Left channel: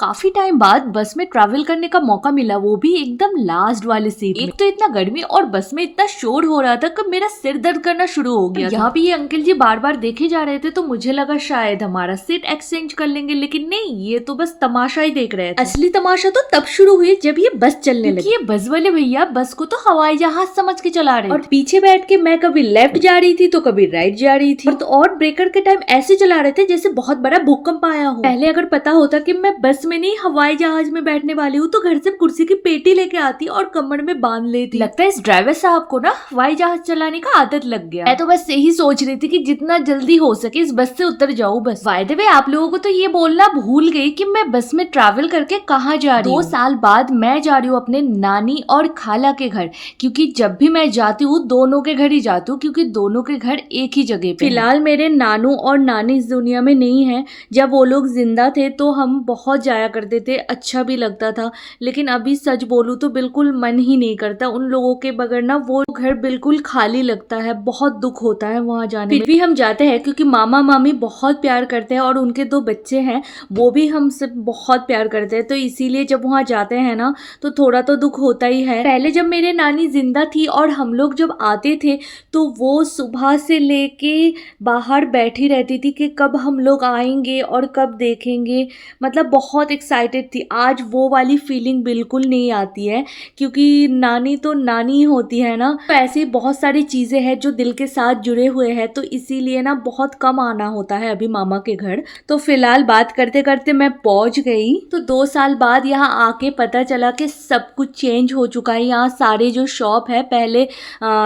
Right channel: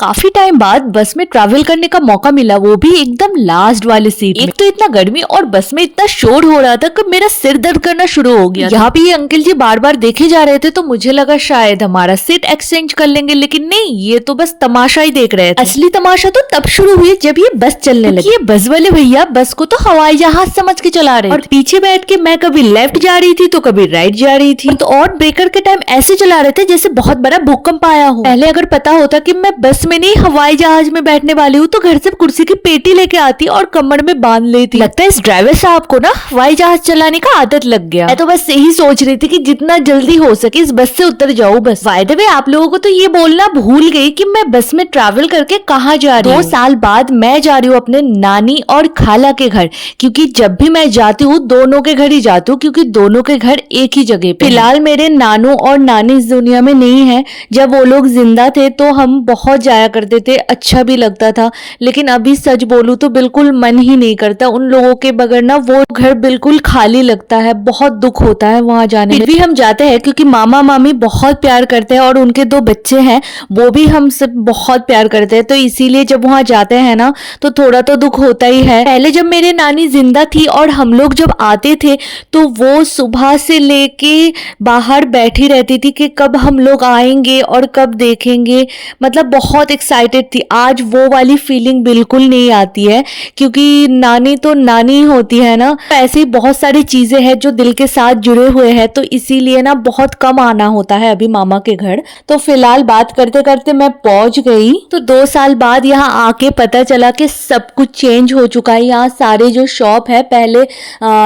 काफी टाइम बाद बस में ट्रैवल करने का मौका मिला, वो भी एकदम लास्ट वाले सीट में। एक तो इतना गर्मी और बस में इतना शोर हो रहा था कि मेरा सिर दर्द करना शुरू हो गया। यहाँ पे ये अंकल जी बार बार देखे जा रहे थे तो मुझे लगा शायद हमारा सीट एक्सचेंज कर लेंगे, लेकिन नहीं, ये तो बस तमाशा ही देख रहे थे। असली तमाशा तो तब शुरू हुई जब ये बस चलने लगी। ये बस वाले भैया बस को तो हवाई जहाज समझ के चला रहे और पीछे बैठ के मैं कभी लेफ्ट जा रही थी तो कभी राइट जा रही थी। तो और ब्रेकर के टाइम ऐसे चला रहे थे जैसे बहुत बड़ा भूकंप आया हो। पहले अगर पता होता कि मैं बस में नहीं हवाई जहाज में बैठने वाली हूँ तो घर से कुर्सी की पेटी लेके आती और कमर में बांध लेती। लगता है इस ड्राइवर साहब को ना हवाई जहाज चलाने का आदत लग गया। मैं तो बस यही सोच रही थी कि जितना जल्दी हो सके इस बस से उतर जाऊँ बस। बाय द वे आप लोगों को तो ये बोलना भूल गई कि मैं बस में ट्रैवल करके कहाँ जा रही हूँ। 2 साल बाद मैं जा रही हूँ अपने नानी और खाला के घर, क्योंकि जब भी मैं जाती हूँ दोनों के घर ही जाती हूँ, क्योंकि दोनों के घर एक ही जगह पे। फिलहाल मेरे नानू और नानी इस दुनिया में नहीं है। जब वो लोग जिंदा थे तो हम बहुत जाया करते थे, अच्छा भी लगता था, लेकिन अभी सच बोलूं तो बिल्कुल मन ही नहीं करता। उन लोगों के बगैर ना वो घर बिल्कुल खाली लगता है, बहुत दुख होता है वहां जाने में। फिर भी हम जाते हैं क्योंकि मामा मामी बहुत प्यार करते हैं और उनके 2 बच्चे हैं, वो भी हमसे बहुत प्यार करते हैं, तो इसीलिए जब वहां जाते हैं ना तो थोड़ा तो दुख होता ही है। पहले जब मेरे नानी जिंदा थी और हम लोग जब आते थे तो वो सुबह से लेके बाहर बैठी रहती थी कि कब हम लोग आएंगे और कब देखेंगे, मतलब बहुत एक्साइटेड थी। आज वो वाली फीलिंग बिल्कुल नहीं आती है, क्योंकि नानी तो नानी होती है ना। तो ऐसे ही बहुत सारी चीजें हैं जो दिल के साथ जुड़े हुए हैं, तो इसीलिए ना बहुत कम आना होता है अभी मामा के घर। तो फिलहाल बात करते करते मैं पहुंच गई। तो 2 साल बाद यहाँ आके पता चला कि सब कुछ चेंज हो चुका है। यहाँ सारे जो शॉप है पहले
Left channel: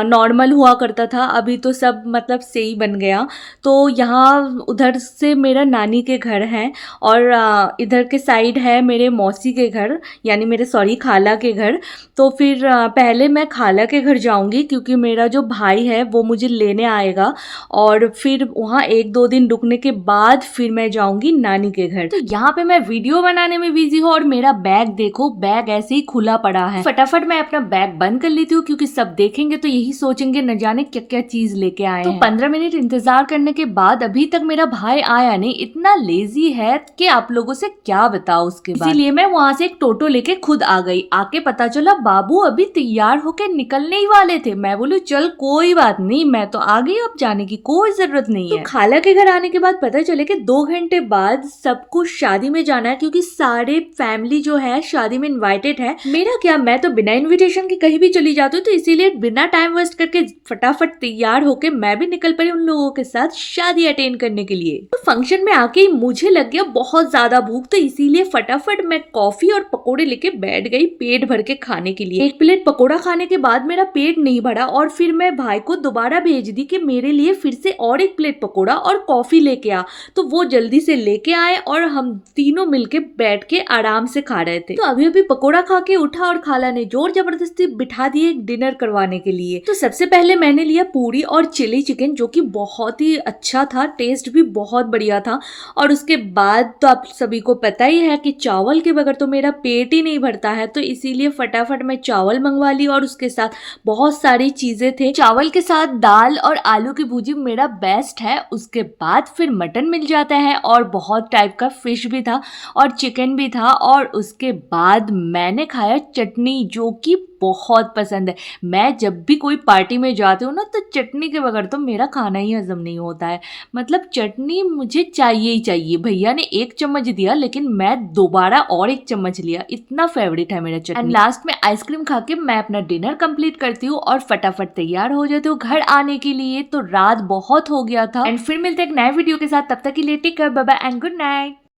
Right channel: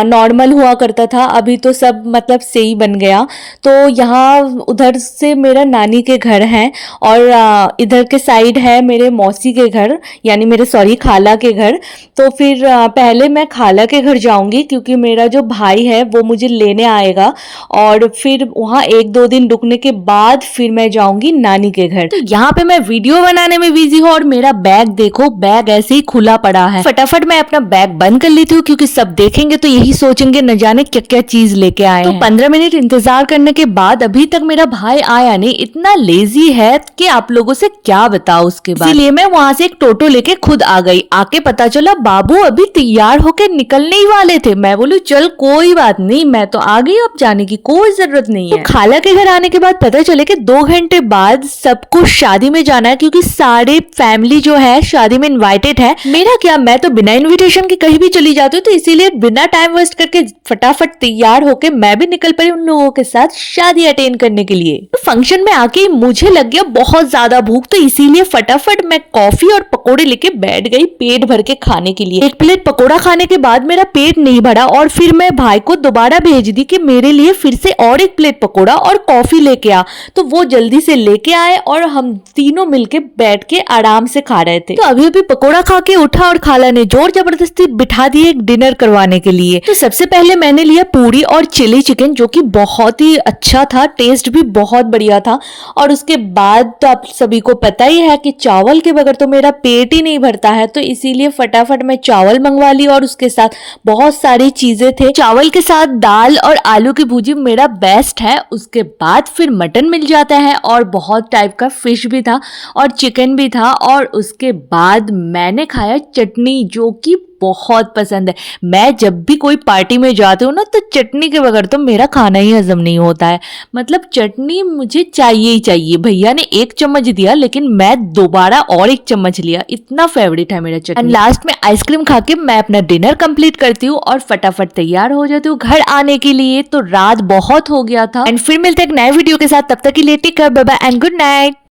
नॉर्मल हुआ करता था, अभी तो सब मतलब सही बन गया। तो यहाँ उधर से मेरा नानी के घर है और इधर के साइड है मेरे मौसी के घर, यानी मेरे खाला के घर। तो फिर पहले मैं खाला के घर जाऊंगी क्योंकि मेरा जो भाई है वो मुझे लेने आएगा, और फिर वहाँ 1-2 दिन रुकने के बाद फिर मैं जाऊंगी नानी के घर। तो यहाँ पे मैं वीडियो बनाने में बिजी हूँ और मेरा बैग देखो, बैग ऐसे ही खुला पड़ा है। फटाफट मैं अपना बैग बंद कर लेती हूँ क्योंकि सब देखेंगे तो यही सोचेंगे न जाने क्या क्या चीज लेके आए हैं। 15 मिनट इंतजार करने के बाद अभी तक मेरा भाई आया नहीं। इतना लेजी है कि आप लोगों से क्या बताओ उसके बाद। इसलिए मैं वहां से एक टोटो लेके खुद आ गई। आके पता चला बाबू अभी तैयार होके निकलने ही वाले थे। मैं बोलूं चल कोई बात नहीं, मैं तो आ गई, अब जाने की कोई जरूरत नहीं है। तो खाला के घर आने के बाद पता चले कि 2 घंटे बाद सबको शादी में जाना है, क्योंकि सारे फैमिली जो है शादी में इनवाइटेड है। मेरा क्या, मैं तो बिना इन्विटेशन के कहीं भी चली जाती हूँ, तो इसीलिए बिना टाइम वेस्ट करके फटाफट तैयार होके मैं भी निकल पड़ी उन लोगों के साथ शादी अटेंड करने के लिए। तो फंक्शन में आके मुझे लग गया बहुत ज्यादा भूख, तो इसीलिए फटाफट मैं कॉफी और पकोड़े लेके बैठ गई पेट भर के खाने के लिए। 1 प्लेट पकोड़ा खाने के बाद मेरा पेट नहीं भरा और फिर मैं भाई को दोबारा भेज दी कि मेरे लिए फिर से और 1 प्लेट पकोड़ा और कॉफी लेके आ। तो वो जल्दी से लेके आए और हम तीनों मिलके बैठ के आराम से खा रहे थे। तो अभी अभी पकोड़ा खा के उठा और खाला ने जोर जबरदस्ती बिठा दिए एक डिनर करवाने के लिए। तो सबसे पहले मैंने लिया पूरी और चिली चिकन, जो कि बहुत ही अच्छा था, टेस्ट भी बहुत बढ़िया था। और उसके बाद तो आप सभी को पता ही है कि चावल के बगैर तो मेरा पेट ही नहीं भरता है, तो इसीलिए फटाफट मैं चावल मंगवा ली और उसके साथ बहुत सारी चीजें थे। चावल के साथ दाल और आलू की भुजी मेरा बेस्ट है। उसके बाद फिर मटन मिल जाता है और बहुत टाइप का फिश भी था और चिकन भी था। और उसके बाद मैंने खाया चटनी, जो कि बहुत पसंद है। मैं जब भी कोई पार्टी में जाती हूँ ना तो चटनी के बगैर तो मेरा खाना ही हजम नहीं होता है। मतलब चटनी मुझे चाहिए ही चाहिए। भैया ने 1 चम्मच दिया लेकिन मैं दोबारा और 1 चम्मच लिया, इतना फेवरेट है मेरा चटनी। एंड लास्ट में आइसक्रीम खा के मैं अपना डिनर कंप्लीट करती हूँ और फटाफट तैयार हो जाती हूँ घर आने के लिए। तो रात बहुत हो गया था। एंड फिर मिलते हैं एक नए वीडियो के साथ, तब तक के लिए take care, bye bye and good night.